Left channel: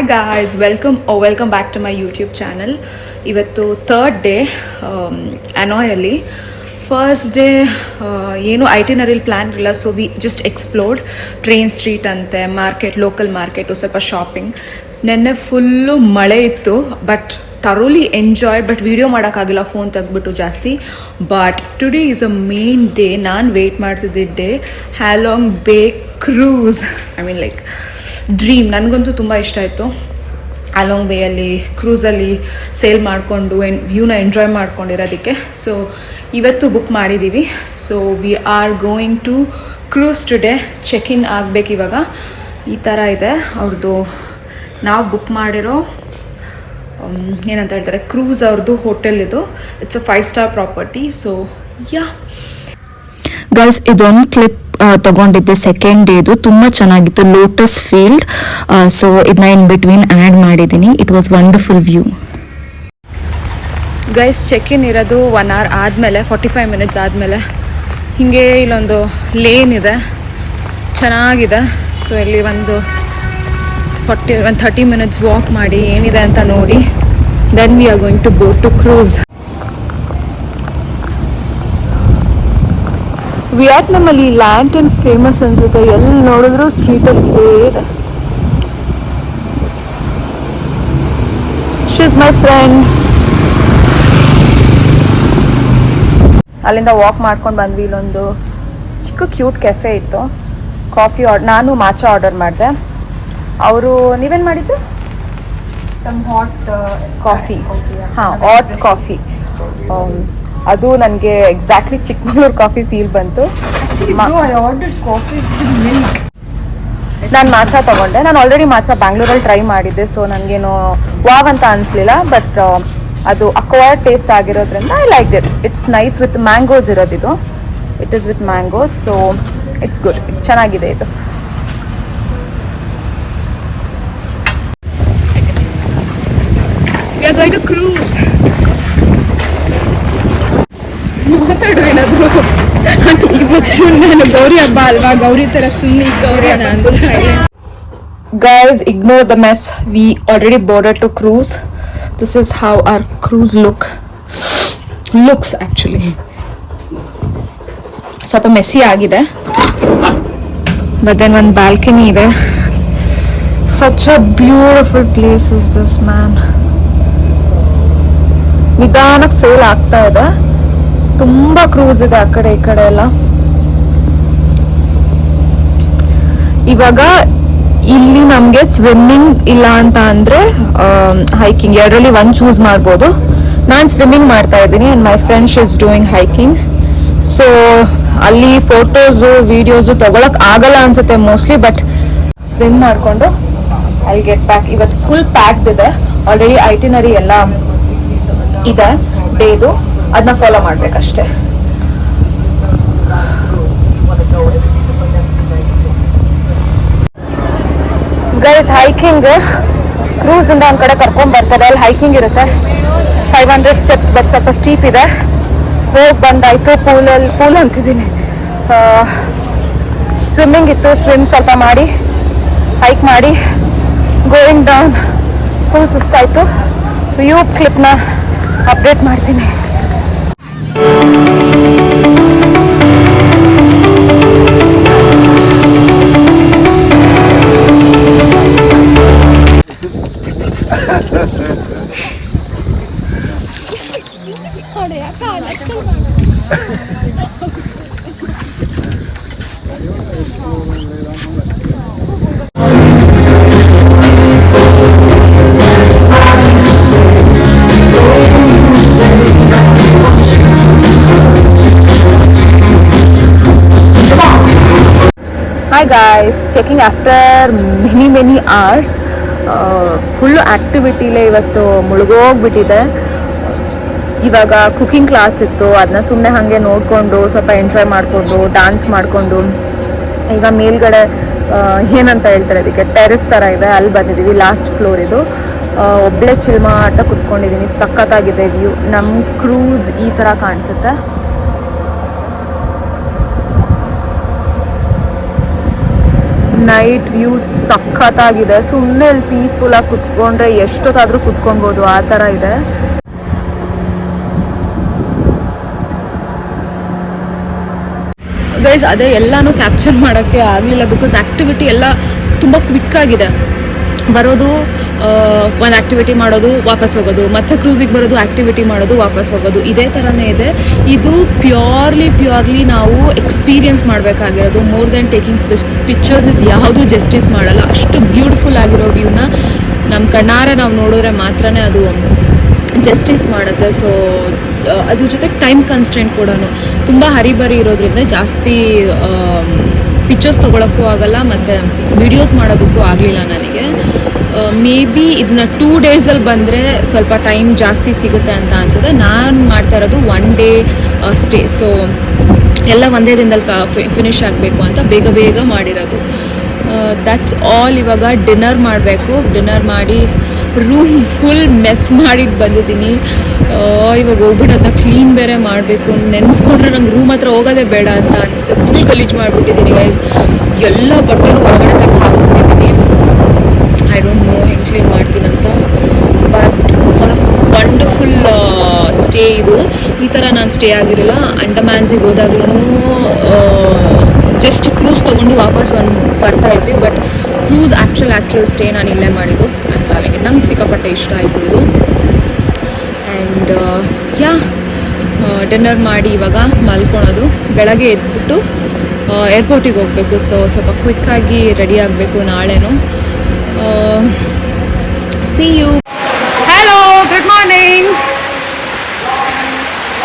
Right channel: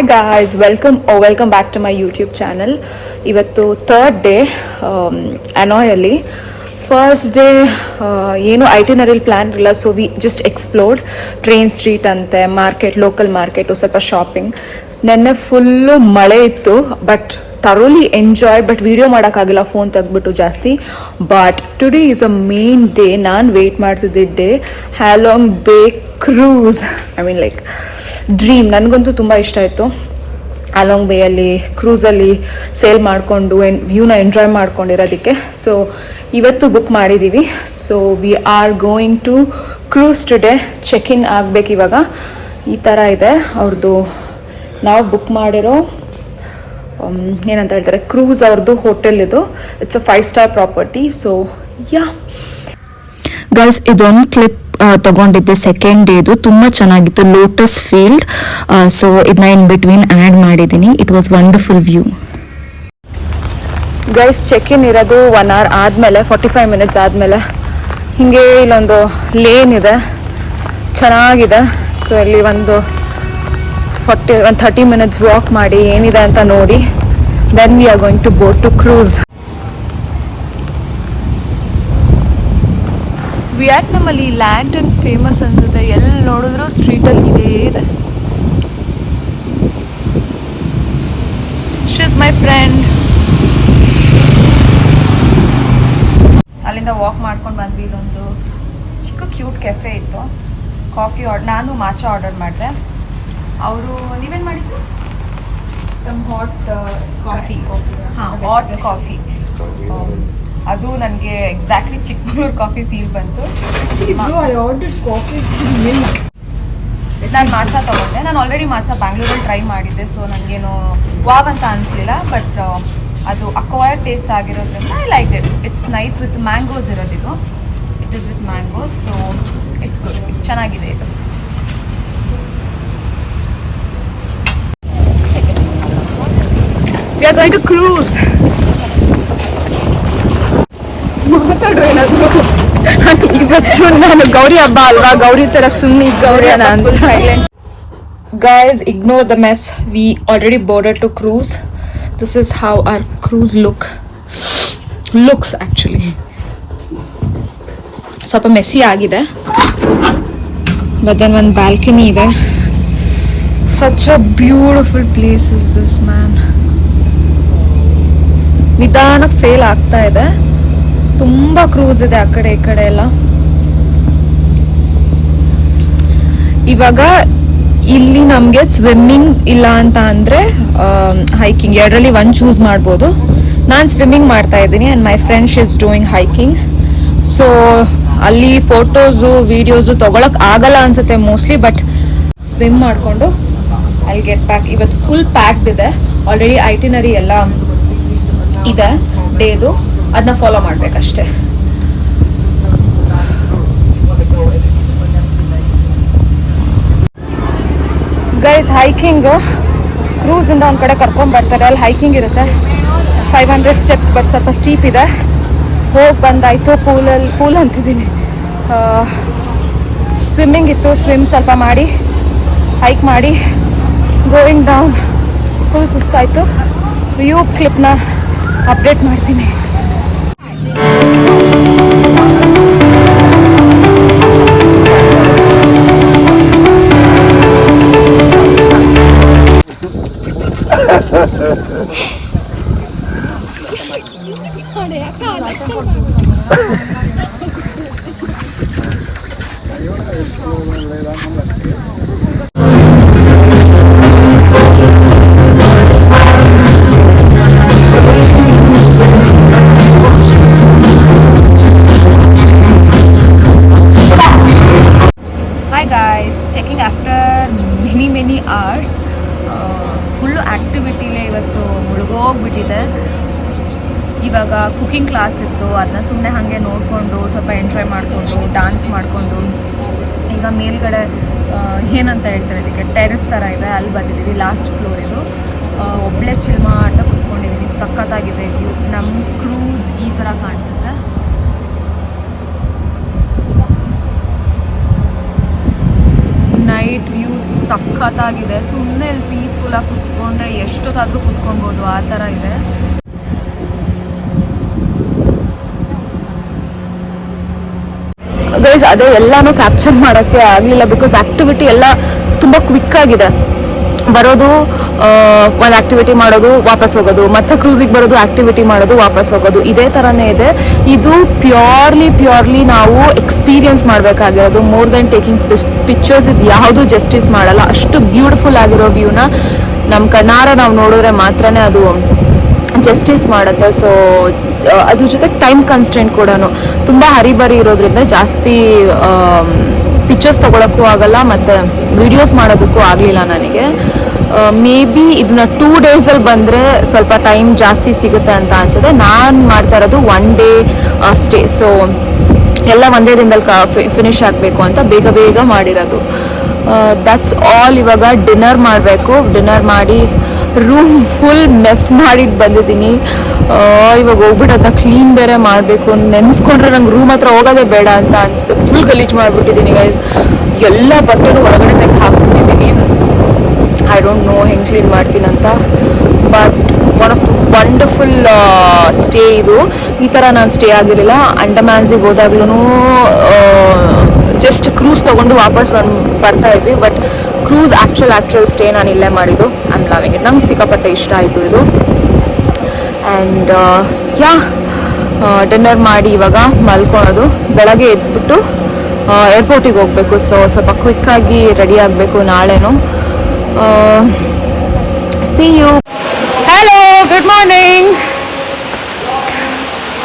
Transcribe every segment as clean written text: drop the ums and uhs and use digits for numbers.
Hi guys, welcome back to my YouTube channel. ಇವತ್ತು third day ಅನಾಯಲ್ಲಿ. First day ಏನು ಐಟಿನರಿಲ್ plan ಇಲ್ಲ, so we just explored train street ಅಂತೆ, market, local market, ಸ್ವಲ್ಪ shopping. ನೆನ್ನೆ full ಮಳೆ ಇತ್ತು, but thoroughly enjoyed, but video ಮಾಡೋಕ್ಕಾಗಿಲ್ಲ phone ತೆಗ್ಬಿಟ್ಟು ಜಾಸ್ತಿ. But today is a main day. ನಾನು ವೇಟ್ ಮಾಡ್ತಿದ್ದೆ ಡೇ, ಹ್ಯಾಲಾಂಗ್ ಬೇ cruise. I mean like dream. ನನಗಂತೂ ತುಂಬ ಇಷ್ಟ ಆಯಿತು ಅಲಾಂಗ್ ಬೇಯಲ್ಲಿ ಕ್ರೂಸಲ್ಲಿ ಸೇಲ್ ಮಾಡಿಕೊಂಡು ವ್ಯೂನ ಎಂಜಾಯ್ ಮಾಡ್ಕೊಂಡಿರೋದಕ್ಕೆ. ಸೊ ಇವತ್ತು ಬುಕ್ ಮಾಡಿದ್ದೀವಿ. So we are going to cruise today. Check in ಆಗಬೇಕು ಇವಾಗ. ಈ ಥರ ಇದೆ ಅವ್ರದ್ದು. ನಾವು ಬುಕ್ ಮಾಡಿರೋ ಏನಂತ ಹೇಳ್ತಾರೆ, ಕ್ರೂಸ್ ಅವ್ರದ್ದು ಹೋಟೆಲ್ ಇದು. It's a 5-star property. So yeah guys, ಇದೊಂದು ಕ್ಲಿಪ್ ತಗೊಂಡಿದ್ದೆ ಸೆಕೆಂಡ್ ಡೇದು. ತುಂಬ ಚೆನ್ನಾಗಿತ್ತು, ಲೋಟಸ್ ಫೀಲ್ಡ್. ಸೊ ಇದನ್ನ ಇನ್ ಬಿಟ್ವೀನ್ ಆ್ಯಡ್ ಮಾಡಿದ್ದೀನಿ. It was wonderful view. Guys, check in ಇರೋದು 1 hour ಆದಮೇಲೆ, 45 minutes ಆದಮೇಲೆ. ಹೀಗೆ ಇಲ್ಲೊಂದು ಲೇನ್ ಇದೆ, ಚೆನ್ನಾಗಿದೆ. ಸೊ ಇಲ್ಲಿ ಒಂದು 30 minutes ವಾಕ್ ಮಾಡಿ ಏನಿದೆ ಅಂತ ನೋಡಿ, then we are going to boat to cruise. ವಿಯೆಟ್ನಾಮಲ್ಲಿ ಲ್ಯಾಂಟರ್ನ್ ಫೇಮಸ್ ಅನ್ಸುತ್ತೆ. ಎಲ್ಲಿ ನೋಡಿದ್ರು ಸ್ಟ್ರೀಟಲ್ಲಿ ಇದೇ ಇದೆ. She is my friend. ಅಲ್ಲಿಂದ ವಾಕ್ ಮಾಡ್ಕೊಂಡು ಬಂದ್ವಿ. ಇಲ್ಲೊಂದು ಚಿಕ್ಕ ಕ್ಯೂಟ್ ಕೆಫೆ ಇತ್ತು. ಕಾಫಿ ನಾನು ಮಾಚಾ ಆರ್ಡರ್ ಮಾಡಿದೆ. ಅವರು ನೀವೇನು ಮಾಡಿದ್ದು? Hot coffee. ಹಾಂ, ಹಾಟ್ ಕಾಫಿ. ಅದು ನನಗೆ ಎಕ್ಸಾಕ್ಟ್ಲಿ ಚಿಕ್ಕಮಗಳೂರು ಕಾಫಿ ಫೀಲ್ ಬಂತು. ನಾನು ಮಾಚಾ ತಗೊಂಡೆ. ನಾನು ಆಲ್ರೆಡಿ ಮಾಚಾ ಬ್ಯಾಂಗ್ಳೂರಲ್ಲಿ ಟ್ರೈ ಮಾಡಿದ್ದೆ, ಸೊ ನನಗೇನು ವಾವ್ ಅಂತ ಅನಿಸ್ಲಿಲ್ಲ. ಬಟ್ ಅದು ಅಕ್ವೈರ್ಡ್ ಟೇಸ್ಟ್ ಆಗಿರೋದ್ರಿಂದ I like it. It's nice with mangoes ಇರೋದಿದು. It is with mangoes, so it's good. ಚೆನ್ನಾಗಿದೆ ಇದು. We are going to cruise. ಮಾತಾಡು ಏನಾದ್ರು. ಇವತ್ತು ನಾನು ಗೌರಿ ಹಬ್ಬ ಅಲ್ವಾ, ಗೌರಿ ತರ ಸುಮ್ಮನೆ Gauri full silent. Guys, ignore the mess. We already boarded to cruise. This is how our cruise looks actually. ಸ್ವಲ್ಪ ಮೆಸ್ಸಿ ಆಗಿದೆ, but then ಒಂದು ಬಾಲ್ಕನಿ ಇದೆ. Such a beautiful place is this, man. ನಿಧಾನಕ್ಕೆ ಸೇಲ್ ಆಗ್ತಾ ಇದೆ. ತುಂಬಾ ಕ್ರೂಸ್ ಇದೆ ಆ ಕಡೆ ಈ ಕಡೆ ಎಲ್ಲ. ಇವಾಗ ಇಲ್ಲಿ ನಮ್ಗೆ ಸ್ವಿಮ್ಮಿಂಗ್ ಇಲ್ಲ ಅಂತ ಅಂದ್ರೆ ಹೈಕಿಂಗ್, ಎರಡರಲ್ಲಿ ಒಂದು ಚೂಸ್ ಮಾಡ್ಬೋದು. ನಾನು ಸ್ವಿಮ್ಮಿಂಗ್ ಮಾಡ್ತಾ ಇದ್ದೀನಿ and my friend she is doing hiking. So ಅಲ್ಲಿ ಫೋಟೋಸ್ ವಿಡಿಯೋಸ್ ತಗೊಳಕ್ ಆಗಲ್ಲ ಅನ್ಸುತ್ತೆ ಮೋಸ್ಟ್ಲಿ, ಬಟ್ ಸ್ವಿಮ್ ಮಾಡ್ಕೊಂಡು ಐ ಗೆಟ್ ಬ್ಯಾಕ್. ಇವತ್ತು ಫುಲ್ ಪ್ಯಾಕ್ಡ್ ಇದೆ. ಆಲ್ರೆಡಿ ಐಟಿನರಿ ಎಲ್ಲ ಇದೆ ಡೇದು, ಅದನ್ನ ಫಾಲೋ ಮಾಡ್ಬೇಕಷ್ಟೇ. ಗೈಸ್, ಹೈಕಿಂಗ್ ಕ್ರೂಸ್ ಇಂದ ಒಂದ್ ಕಡೆ ಕರ್ಕೊಂಡ್ ಬರ್ತಾರೆ. ಅಲ್ಲಿ ಹೈಕಿಂಗ್ ಇರುತ್ತೆ, 500 steps, ಬಟ್ ಸ್ವಲ್ಪ ಸ್ಟೀಪ್ ಇದೆ. ಹೋಗಿ ಬಂದಾಯ್ತು. ಪೂಲ್ ಅಂತಿದ್ದೀನಿ, ಸ್ವಿಮ್ಮಿಂಗ್ ಇತ್ತು. ಸ್ವಿಮ್ ಸ್ವಲ್ಪ ಮಾಡಿ ಹೈಕ್ ಮಾಡಿ ಗೋಯಿಂಗ್ ಡೌನ್. ಫುಲ್ ಸುಸ್ತಾಯ್ತು. ವ್ಯೂ ಕ್ಲಿಪ್ನ ಅಪ್ಡೇಟ್ ಮಾಡ್ತೀನಿ. Checking after many hours. Full ಆ್ಯಕ್ಟಿವಿಟಿಲೇ ಇವತ್ತು ಮುಳುಗೋಗ್ಬಿಟ್ಟಿದೆ. ಇವಾಗ ಕುಕಿಂಗ್ ಕ್ಲಾಸ್ ಇತ್ತು, ಅದನ್ನ ಸುಮ್ಮನೆ ಹಾಗೆ ನೋಡಿಕೊಂಡು ಸ್ವಲ್ಪ ಎಂಜಾಯ್ ಮಾಡಿಕೊಂಡು ಡ್ಯಾನ್ಸ್ ಮಾಡಿಕೊಂಡು ಈಗ ಮೇಲ್ಗಡೆ ಏನಂತ ಹೇಳ್ತಾರೆ ಅದಕ್ಕೆ, ಟೆರೆಸ್ ಥರ ಇದೆ, ಅಲ್ಲಿ ಬಂದಿದ್ದೀವಿ. ಲಾಸ್ಟ್ ಫ್ಲೋರ್ ಇದು. ಒಬ್ಬಳೇ ಚಿಲ್ಮ ಆಟ ಕುತ್ಕೊಂಡಿದ್ದೀನಿ. ಸಖತ್ತಾಗಿದೆ ವ್ಯೂ. ನಮ್ಮ ಕ್ರೂಸ್ ಈ ಥರ ಕಾಣಿಸುತ್ತೆ. ನೈಟ್ ವ್ಯೂ ಸಖತ್ತಾಗಿದೆ. ಸುಮ್ಮನೆ ಅಲ್ಲಿ ಪೀಸ್ಫುಲ್ ಆಗಿ ಕುತ್ಕೊಂಡ್ರೆ ಎಷ್ಟೊತ್ತಾದ್ರೂ ಕುತ್ಕೊಬೋದು, ಆ ಥರ ಇದೆ. ಗೈಸ್ ಅದೇ ಎಲ್ಲಾನು ಕ್ಯಾಪ್ಚರ್ ಮಾಡೋಕ್ಕೆ ಆಗಲಿಲ್ಲ, ಬಿಕಾಸ್ ಆಕ್ಟಿವಿಟಿ ಎಲ್ಲ ತುಂಬ ಕ್ವಿಕ್ ಆಗಿದೆ. ಬರೋದು ಒಂದು ಆಕ್ಟಿವಿಟಿ ಮಾಡೋದು ವಾಪಸ್ ಹೋಗೋದು, ಮತ್ತೆ ಕ್ರೂಸಿಗೆ ಬರೋದು ಆಕ್ಟಿವಿಟಿ ಮಾಡೋದು ವಾಪಸ್ ಹೋಗೋದು, ಇದೇ ಥರನೇ ಇದೆ. ಇದು ಪ್ಯೂರ್ಲಿ ನಾವು ಎಕ್ಸ್ಪೀರಿಯನ್ಸ್ ಮಾಡಬೇಕಾಗಿರೋದು. ಮೋರ್ ದೆನ್ ಟೇಕಿಂಗ್ ಪಿಕ್ಚರ್ಸ್ ಇದು ಯಾವುದು ಜಸ್ಟಿಸ್ ಮಾಡಲ್ಲ. ಅಷ್ಟು ಬ್ಯೂಟಿಫುಲ್ ಆಗಿರೋ ವ್ಯೂನ ನಮ್ಮ ಕಣ್ಣಾರೆ ನಾವು ನೋಡಿದ್ರೆ ಮಾತ್ರನೇ ಅದು ಜಸ್ಟಿಸ್ ಮಾಡುತ್ತೆ. ಸೊ ಅದ್ರ ಜೊತೆ ಟೈಮ್ ಕನ್ಸ್ಟೆಂಟ್ ಕೂಡ ತುಂಬ ಹರಿಬರಿ ಇರೋದ್ರಿಂದ ಜಾಸ್ತಿ ಪಿಕ್ಚರ್ಸ್ ತೊಗೊಳಕ್ಕೂ ಆಗಲ್ಲ ಮತ್ತು ವಿಡಿಯೋಸ್ ಮಾಡೋದಕ್ಕೂ ಆಗಲಿಲ್ಲ ನನಗೆ. ಮೇ ಬಿ ಇದನ್ನ 2 ಡೇಸಲ್ಲಿ ಬಂದರೆ ಸ್ವಲ್ಪ ಟೈಮ್ ಜಾಸ್ತಿ ಸಿಗುತ್ತೆ ಅಂತ ಅನ್ಸುತ್ತೆ. ನಾನು ಮಾಡ್ತಾ ಇರೋದು 1 ಡೇ ಸ್ಟೇ. ಸೊ ಎಲ್ಲ ಒಂದೇ ದಿನದಲ್ಲಿ ಫಿನಿಶ್ ಆಗಬೇಕು ಅಂತ ಬೇಗ ಮಾಡಿರೋದು. That's all. ಇವಾಗ ಡಿನ್ನರ್ ಮಾಡಬೇಕು. ಡಿನ್ನರ್ ಮಾಡಿ ರೂಮ್ ಫುಲ್ ಮೆಸ್ ಮಾಡಿಟ್ಟು ಬಂದಿದ್ದೀನಿ. ಇವಾಗ ಹೋಗ್ಬಿಟ್ಟು ಅದನ್ನ ಕ್ಲೀನ್ ಬೇರೆ ಮಾಡಬೇಕು. ನೆನೆಸ್ಕೊಂಡ್ರೆ ನಂಗೆ ರೂಮ್ ಹತ್ರ ಹೋಗೋದೇ ಬೇಡ ಅಂತ ಅನಿಸುತ್ತೆ. ಫುಲ್ ಗಲೀಜು ಮಾಡಿಬಿಟ್ಟಿದ್ದೀನಿ ಗೈಸ್. ಎಲ್ಲ ಬಟ್ಟೆನೂ ಹೊರಗಡೆ ತೆಗೆದು ಹಾಕ್ಬಿಟ್ಟಿದ್ದೀನಿ. ಐ ಡೋಂಟ್ ನೋ ಹೆಂಗೆ ಕ್ಲೀನ್ ಮಾಡ್ತೀನಂತ. But one of the wonderful stay ಇದು. ಈ ಥರ ನಾನು ಸ್ಟೇ ಆಗಿರಲಿಲ್ಲ. ಅಂಡಮಾನ್ಸಿಗೆ ಹೋದಾಗ್ಲೂ ಜಸ್ಟ್ ಕ್ರೂಸ್ ತೊಗೊಂಡು ವಾಪಸ್ ಬರ್ತಾ ಇದ್ವಿ. ಬಟ್ ಕ್ರೂಸ್ ಆ್ಯಕ್ಚುಲ್ ಸ್ಟೇ ನಾನು ಇಲ್ಲೇ ಮಾಡಿದ್ದು. And loving it. ನಂಗೆ ಸಿಕ್ಕಾಪಟ್ಟೆ ಇಷ್ಟ ಆಯಿತು ಇದು. ಆ್ಯಂಡ್ ಡಿನ್ನರ್ ಮಾಡಿ ಇವಾಗ ಮಲ್ಕೊಳೋದು. ಬೆಳಗ್ಗೆ ಎದ್ಬಿಟ್ಟು ಏರ್ಪೋರ್ಟಿಗೆ ಹೋಗಬೇಕು. ಸೊ ಸ್ವಲ್ಪ ಕ್ವಿಕ್ಕಾಗಿ ರೆಡಿ ಆಗಬೇಕು ನಾಳೆನೂ. See you. Hello, good morning.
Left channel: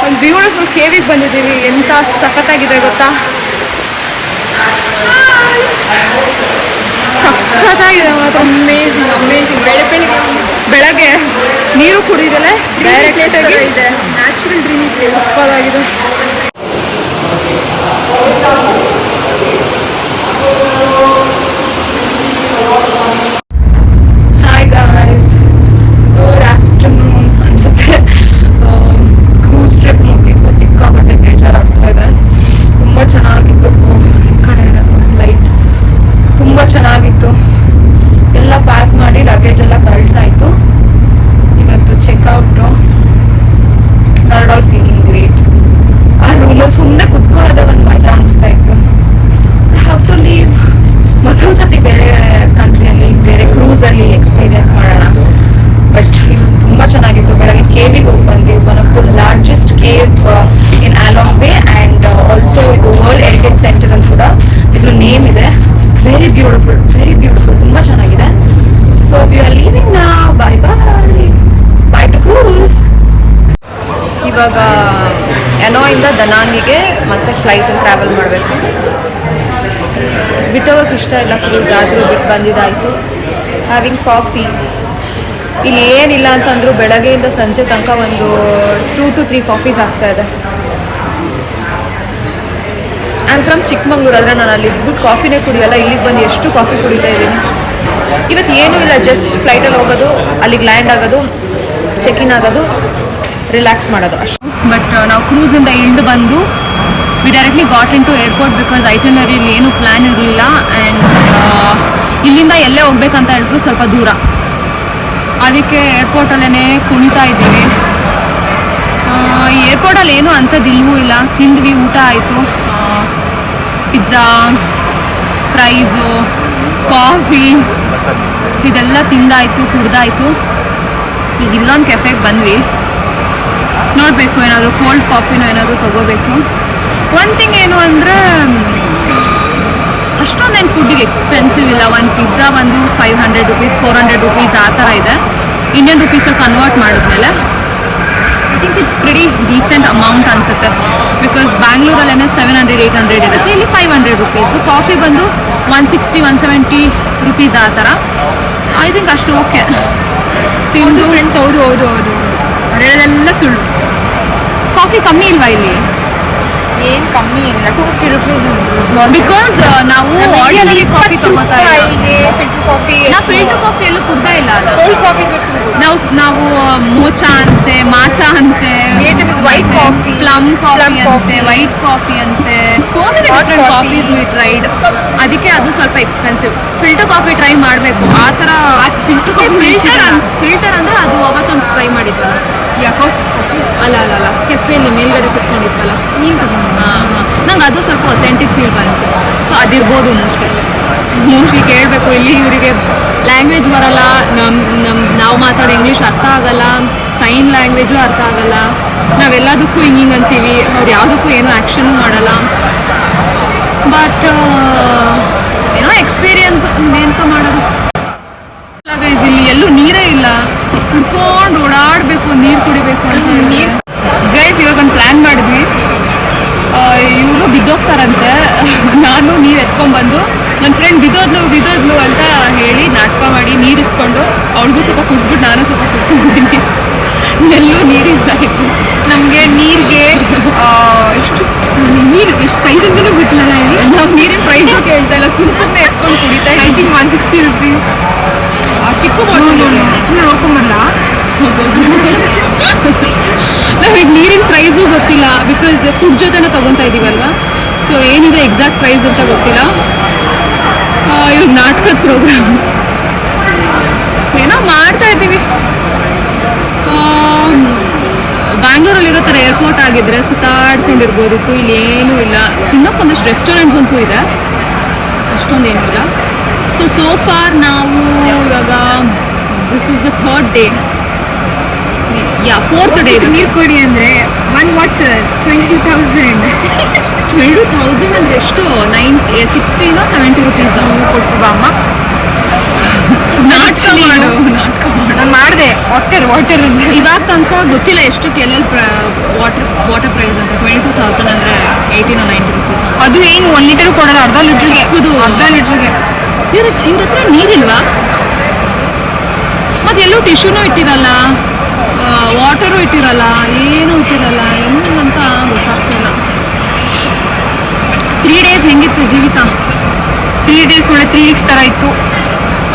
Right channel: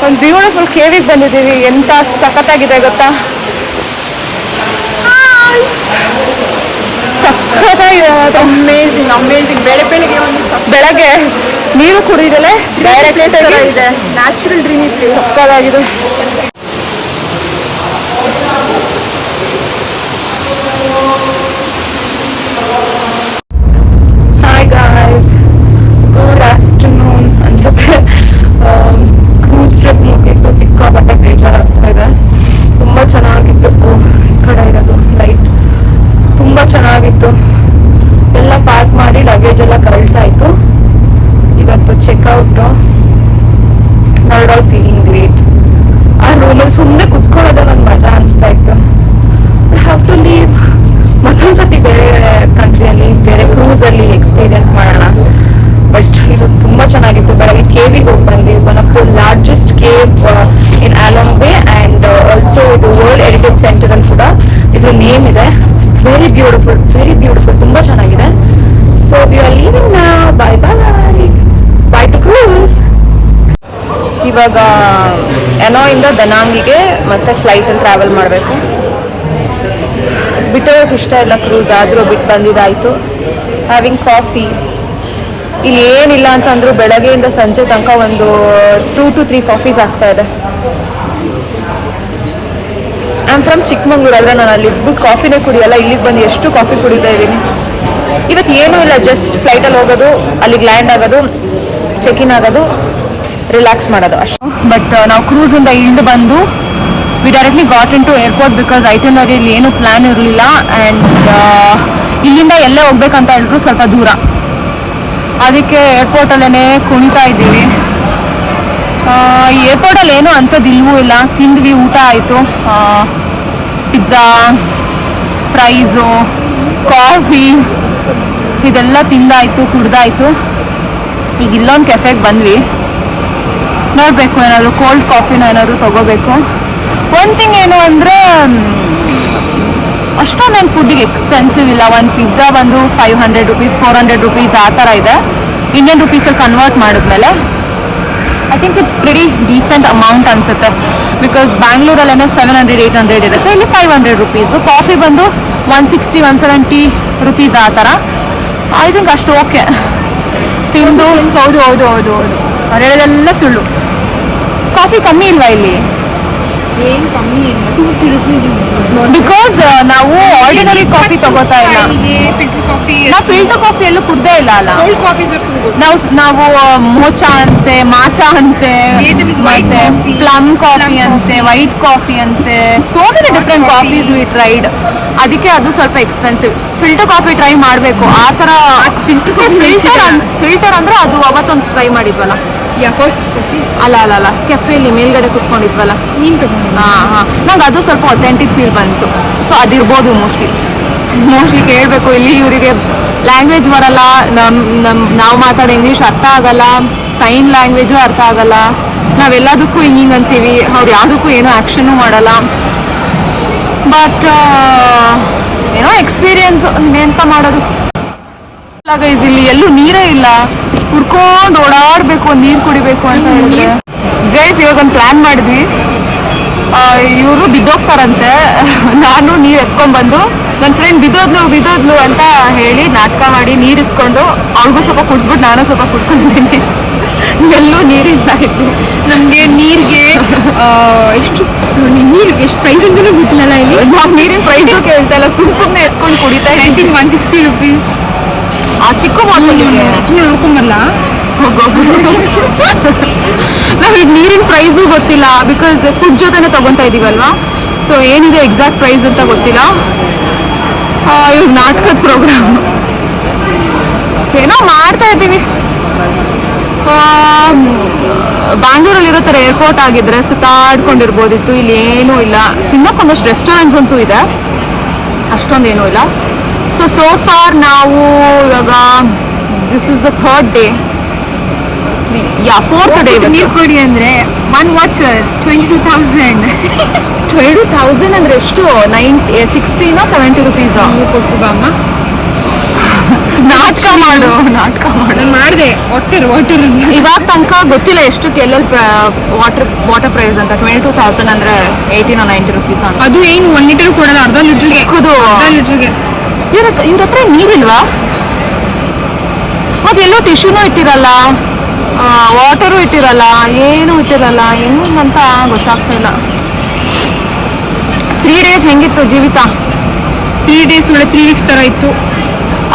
ಒಂದು ಬ್ಯೂಟಿಫುಲ್ ಕೇವಿಗೆ ಬಂದಿದ್ದೀವಿ. ಎಂಥ ಸಖತ್ತಾಗಿದೆ ಗೊತ್ತಾ. ಸಖತ್ತಾಗಿದೆ ಮಾತ್ರ. ಅಮೇಜಿಂಗ್. ಬೆಳಗ್ಗೆ ನೀರು ಕುಡಿದಲೆ ಡೈರೆಕ್ಟ್ ಆಗಿ ಇದೆ. ನ್ಯಾಚುರಲ್ ಡ್ರಿಂಕ್ಸ್ ಸಖತ್ತಾಗಿದೆ. ಹಾಯ್ ಗಾಯ್ಸ್, ಗುಡ್ ಆಫ್ಟರ್ನೂನ್ ಅನ್ಸುತ್ತೆ. ಕ್ರೂಸ್ ಟ್ರಿಪ್ ಮುಗಿತ್ತು. ಸಿಕ್ಕಾಪಟ್ಟೆ ಬೇಜಾರಾಗ್ತಾ ಇದೆ. ತುಂಬ ಚೆನ್ನಾಗಿತ್ತು. ಈ ಕಡೆ ಇರೋದು ಲೈಟ್ ತುಂಬ ಚೆನ್ನಾಗಿತ್ತು. ಎಲ್ಲ ಪ್ಯಾಕ್ ಮಾಡಿ ಲಗೇಜ್ ಎಲ್ಲ ಕಳ್ಸಾಯ್ತು. ಇವತ್ತು checkout. Not all feeling great. ಆ ರೂಮಲ್ಲಿ ಸುಮ್ಮನೆ ಕುತ್ಕೊಳ್ಳೋದೇ ಒಂದು ಮಜಾ ಅನಿಸ್ತಾ ಇತ್ತು. I have to leave. ಮತ್ತೊಂದ್ಸತಿ ಬೇರೆ ಕಂಟ್ರಿಯಲ್ಲಿ ಬೇರೆ ಕ್ರೂಸಲ್ಲಿ ಎಕ್ಸ್ಪೀರಿಯನ್ಸ್ ಮಾಡೋಣ. ಬಟ್ ಇದು ತುಂಬ ಚೆನ್ನಾಗಿತ್ತು. ಬೆಳಗ್ಗೆ ಕೇವಿಗೆ ಹೋಗಿ ಬಂದ್ವಿ. One of the largest cave in Halong Bay. And also ಇದು ವರ್ಲ್ಡ್ ಹೆರಿಟೇಜ್ ಸೆಂಟರ್ ಅಲ್ಲಿ ಕೂಡ ಇದ್ರ ನೇಮ್ ಇದೆ. It's very beautiful. ತುಂಬ ಚೆನ್ನಾಗಿದೆ. So we are leaving now. Bye to cruise. ಇವಾಗ ಎನೋಯಿಂದ ದನಾಂಗಿಗೆ ಮತ್ತೆ ಫ್ಲೈಟಲ್ಲಿ ಟ್ರಾವೆಲ್ ಮಾಡಬೇಕು. ಬಿಟ್ಟೋಗಕ್ಕೆ ಇಷ್ಟ ಇಲ್ಲ ಕ್ರೂಸ್, ಆದರೂ ಬಿಟ್ಟು ಬಂದಿದ್ದಾಯಿತು. Having coffee. ಇಲ್ಲಿ ಏನಿಲ್ಲ ಅಂತಂದ್ರು ಬೆಳಗ್ಗೆಯಿಂದ ಸಂಜೆ ತನಕ ಒಂದು 2 to 3 ಕಾಫೀಸ್ ಆಗ್ತಾ ಇದೆ. I am from Chikmagalur. ಆದರೆ ನಾನು ಅಲ್ಲಿ ಇದ್ಬಿಟ್ಟು ಕಾಫಿನೇ ಕುಡಿಯಲ್ಲ. ಇಲ್ಲಿಗೆ ಬಂದು ಎಷ್ಟು ಕಾಫಿ ಕುಡಿತಾ ಇದ್ದೀನಿ. ಇವತ್ತು ಏನೂ ಇಲ್ಲ, ಜಸ್ಟ್ ಫ್ಲೈಟಲ್ಲಿ ಹೋಗೋದು, ಅಲ್ಲಿಗೆ ಲ್ಯಾಂಡ್ ಆಗೋದು, ಚೆಕ್ ಇನ್ ಆಗೋದು, ರಿಲ್ಯಾಕ್ಸ್ ಮಾಡೋದು ಅಷ್ಟು. ಬಟ್ ನಾವು ಕ್ರೂಸಿಂದ ಇಳಿದು ಬಂದು we directly got into airport. Because ಐಟನರಿಯಲ್ಲಿ ಏನೂ ಪ್ಲ್ಯಾನ್ ಇರಲಿಲ್ಲ. ಆ್ಯಂಡ್ ಇಲ್ಲಿಂದ ಎಲ್ಲೇ ಹೋಗ್ಬೇಕಂತ ಹೇಳಿದ್ರು ಸ್ವಲ್ಪ ದೂರ. ಅದಕ್ಕೆ ಏರ್ಪೋರ್ಟಲ್ಲೇ ಕುಣಿತಾ ಇದ್ದೀವಿ. ಏರ್ಪೋರ್ಟಲ್ಲಿ ಏನೂ ಅಂಥದ್ದು ಇಲ್ವೂ ಇಲ್ಲ. ತಿಂದ್ವಿ, ಊಟ ಆಯಿತು. ಪಿಜ್ಜಾ, ಫ್ರೈಸು, ಕಾಫಿ ಇದೆಲ್ಲ ತಿಂದಾಯಿತು, ಕುಡ್ದಾಯಿತು. ಈಗ ಇಲ್ಲೊಂದು ಕೆಫೆಗೆ ಬಂದ್ವಿ. ನೋಡಬೇಕು, ಏನಾದರೂ ಕೋಲ್ಡ್ ಕಾಫಿನೋ ಏನಾದರೂ ತೊಗೋಬೇಕು. ಒಂದು ಥಿಂಗ್ ಏನು ಅಂದರೆ ಅಷ್ಟೊಂದೇನು ಫುಡ್ಡಿಗೆ ಎಕ್ಸ್ಪೆನ್ಸಿವ್ ಇಲ್ಲ. ಒಂದು ಪಿಜ್ಜಾ ಬಂದು 500 rupees, 400 rupees ಆ ಥರ ಇದೆ. ಇಂಡಿಯನ್ ರುಪೀಸಲ್ಲಿ ಕನ್ವರ್ಟ್ ಮಾಡಿದ್ಮೇಲೆ I think it's pretty decent amount ಅನಿಸುತ್ತೆ. ಬಿಕಾಸ್ ಬ್ಯಾಂಗ್ಳೂರಲ್ಲೇ 700-800 ಇರುತ್ತೆ. ಇಲ್ಲಿ 500 rupees. ಕಾಫಿ ಬಂದು 160-170 rupees ಆ ಥರ. ಐ ಥಿಂಕ್ ಅಷ್ಟು ಓಕೆ. ತಿಂದು ಫ್ರೆಂಡ್ಸ್. ಹೌದು ಅವ್ರು ಹೇಳೋದೆಲ್ಲ ಸುಳ್ಳು. ಕಾಫಿ ಕಮ್ಮಿ ಇಲ್ವಾ ಇಲ್ಲಿ? ಏನು ಕಮ್ಮಿ ಇಲ್ಲ, 250 rupees. ಬಿಕಾಸ್ ನಾವು ಆರ್ಡಿನರಿ ಕಾಫಿ ತಗೋತಾ ಇಲ್ಲ. ನಾವು ಫಿಲ್ಟರ್ ಕಾಫಿ ಎಲ್ಲೂ ಕುಡ್ದೇ ಇಲ್ಲ ಅಲ್ಲ. ನಾವು ಮೋಚಾ ಅಂತೆ, ಮಾಚಾ ಅಂತೆ, ಮತ್ತೆ ಪ್ಲಮ್ ಕಾಫಿ ಅಂತೆ, ವೈಟ್ ಕಾಫಿ ಅಂತೆ, so many different coffees we tried. ಅದಕ್ಕೆ ಅದು ಸ್ವಲ್ಪ ಎಕ್ಸ್ಪೆನ್ಸಿವ್. ಫಿಲ್ಟರ್ ಕಾಫಿ ಟ್ರೈ ಮಾಡಬೇಕು ಆ ಥರ. ಫಿಲ್ಟರ್ ಅಂದರೆ ಅದು ಅವತ್ತೊಂದು ಟ್ರೈ ಮಾಡಿದ್ವಲ್ಲ, ಫಸ್ಟ್ ಕಾಫಿ ಅಲ್ಲ ಕೆಫೆಯಲ್ಲಿ ಮೇಲ್ಗಡೆ ಕುತ್ಕೊಂಡಿದ್ವಲ್ಲ ನೀನು ತಗೊಂಡು. ಹಾಂ ನಂಗೆ ಅದು ಸ್ವಲ್ಪ ಅಥೆಂಟಿಕ್ ಫೀಲ್ ಬಂತು. ಸೊ ಅದಿರ್ಬೋದು ಮೋಸ್ಟ್ಲಿ ಕೇಳಬೇಕು. ಇಲ್ಲಿ ಇವರಿಗೆ ಲ್ಯಾಂಗ್ವೇಜ್ ಬರಲ್ಲ, ನಾವು ಮಾತಾಡೋ ಇಂಗ್ಲೀಷ್ ಅರ್ಥ ಆಗಲ್ಲ, ಸೈನ್ ಲ್ಯಾಂಗ್ವೇಜು ಅರ್ಥ ಆಗಲ್ಲ, ನಾವೆಲ್ಲದಕ್ಕೂ ಹಿಂಗೆ ಅಂತೀವಿ, ಅವ್ರು ಯಾವುದಕ್ಕೂ ಏನೋ ಆ್ಯಕ್ಷನ್ನು ಮಾಡಲ್ಲ. ಬಟ್ ಏನೋ ಎಕ್ಸ್ಪೀರಿಯನ್ಸ್, ಎಂತ ಮಾಡೋದು. ಗೈಸ್ ಇಲ್ಲಿ ಎಲ್ಲೂ ನೀರೇ ಇಲ್ಲ, ಹುಡ್ಕೊಂಡು ಓಡಾಡಬೇಕು, ನೀರು ಕುಡಿಬೇಕು ಅಂತ ಹೇಳಿದ್ರೆ. ಗೈಸ್ ಇವಾಗ ಒಂದು ಪ್ಲ್ಯಾನ್ ಮಾಡಿದ್ವಿ, ಇವರು ಬಿದ್ದೋಗ್ತಾರಂತೆ. ನಾನು ನೀರು ಎತ್ಕೊಂಡ್ಬಂದು ನನ್ನ ಫ್ರೆಂಡ್ ಬಿದ್ದೋದ್ಲು ಅಂತ ಹೇಳಿ ನಾಟಕ ಮಾಡಿ ನೀರಿಸ್ಕೊಂಡು ಅವಳಿಗೂ ಸ್ವಲ್ಪ ಕುಡಿಸ್ಬಿಟ್ಟು ನಾನು ಸ್ವಲ್ಪ ಕುಡ್ಕೊಂಡಿದ್ದೀನಿ. ಎಲ್ಲೂ ನೀರಿಲ್ಲ ಇಲ್ಲಿ. ನಮಗೆ ನೀರಿಗೆ ಎಷ್ಟು ಪ್ರೈಸ್ ಅಂತಲೂ ಗೊತ್ತಿಲ್ಲ. ಇಲ್ಲಿ ನಾವು ನೀರಿನ ಪ್ರೈಸು ಕೇಳ್ತಾ ಇಲ್ಲ, ಸುಮ್ಮನೆ ಎತ್ಕೊಂಡು ಕುಡಿತಾ ಇದ್ದೀನಿ. 160 rupees ಆ ಚಿಕ್ಕ ಬಾಟಲ್ ಸುಮ್ಮನೆ ನೋಡ್ಕೊಂಬರಲ್ಲ. ನಾವೀಗ ನೀರಿನ ಪ್ರೈಸು ಗೊತ್ತಿಲ್ಲ, ಬಿಕಾಸ್ ಫುಡ್ ಜೊತೆನೇ ತಗೊತಾ ಇದೀವಲ್ವಾ. ಸೊ ಏನಿದೆ ಎಕ್ಸಾಕ್ಟ್ ಪ್ರೈಸ್ ಅಂತ ಗೊತ್ತಿಲ್ಲ. ಇವಾಗ ನಾಟಕದ ಪ್ರೋಗ್ರಾಮ್ ಏನೋ ಮಾಡ್ತಾ ಇದ್ದೀವಿ. ಬ್ಯಾಂಗ್ಳೂರಲ್ಲಿರೋ ಥರ ಏರ್ಪೋರ್ಟ್ ಆಗಿದ್ರೆ ಸುತ್ತಾಡ್ಕೊಂಡಿರ್ಬೋದಿತ್ತು. ಇಲ್ಲಿ ಏನೂ ಇಲ್ಲ. ತಿನ್ನೋಕ್ಕೊಂದಷ್ಟು ರೆಸ್ಟೋರೆಂಟ್ಸ್ ಅಂತೂ ಇದೆ, ಅಷ್ಟೊಂದೇನೂ ಇಲ್ಲ. ಸೊ ಫಾರ್ ನಾವು ಇವಾಗ this is the 3rd day, 4th day. ನೀರು ಕೊಡಿ ಅಂದರೆ 1 water 22,000. 22,000 ಅಂದ್ರೆ ಎಷ್ಟು? 60 70 rupees ಕೊಟ್ಟು ಬಾ ಅಮ್ಮ. ನಾಟಕ ಮಾಡು. ನಾನು ಮಾಡಿದೆ ವಾಟರ್ ಇವಾಗ ತನಕ ಗೊತ್ತಿಲ್ಲ ಎಷ್ಟಕ್ಕೆ ಎಲ್ಲೆಲ್ಲಿ ವಾಟರ್ ಪ್ರೈಸ್ ಅಂತ. 22,000 ಅಂದ್ರೆ 18 or 90 rupees ಅಂತ. ಅದು ಏನು 1 ಲೀಟರ್ ಕೊಡೋದು, ಅರ್ಧ ಲೀಟ್ರಿಗೆ. ಅರ್ಧ ಲೀಟ್ರಿಗೆ ಇವ್ರ ಹತ್ರ ನೀರಿಲ್ವಾ? ಮತ್ತೆ ಎಲ್ಲೋ ಟಿಶ್ಯೂನು ಇಟ್ಟಿರಲ್ಲ, ವಾಟರು ಇಟ್ಟಿರಲ್ಲ, ಏನೂ ಇಟ್ಟಿರಲ್ಲ. ಹೆಂಗಂತ ಗೊತ್ತಾಗ್ತಾ ಇಲ್ಲ. 3 days ಹೆಂಗಿತ್ತು ಜೀವಿತ? 3 days ಒಳ್ಳೆ 3 weeks ಥರ ಇತ್ತು.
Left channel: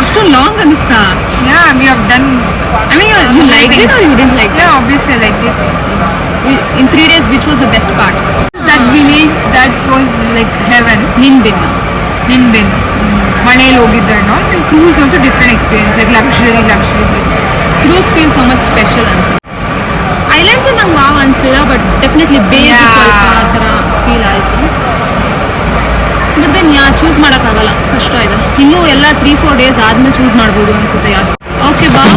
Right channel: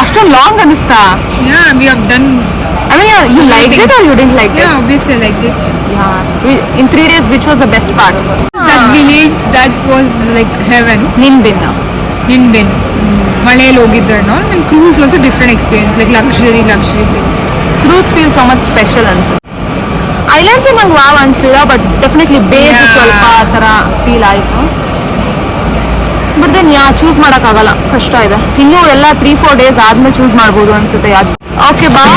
ಅಷ್ಟೊಂದು ಲಾಂಗ್ ಅನಿಸ್ತಾ? We have done. I mean, you liked it or you didn't like it? Yeah, obviously I liked it. In 3 days, which was the best part? That village, that was like heaven. Ninbin. ಮಳೆಯಲ್ಲಿ ಹೋಗಿದ್ದು ನಾವು. Cruise also different experience, like luxury place. Cruise feels so much special ಅನ್ಸುತ್ತೆ. Islands ನಂಗೆ wow ಅನ್ಸಿಲ್ಲ, but definitely base ಸ್ವಲ್ಪ ಆ ಥರ feel ಆಯಿತು. But then choose ಮಾಡೋಕ್ಕಾಗಲ್ಲ, ಕಷ್ಟ ಇದೆ. ಇನ್ನೂ ಎಲ್ಲ 3-4 days ಆದ್ಮೇಲೆ ಚೂಸ್ ಮಾಡ್ಬೋದು ಅನ್ಸುತ್ತೆ. ಓಕೆ, ಬಾಯ್.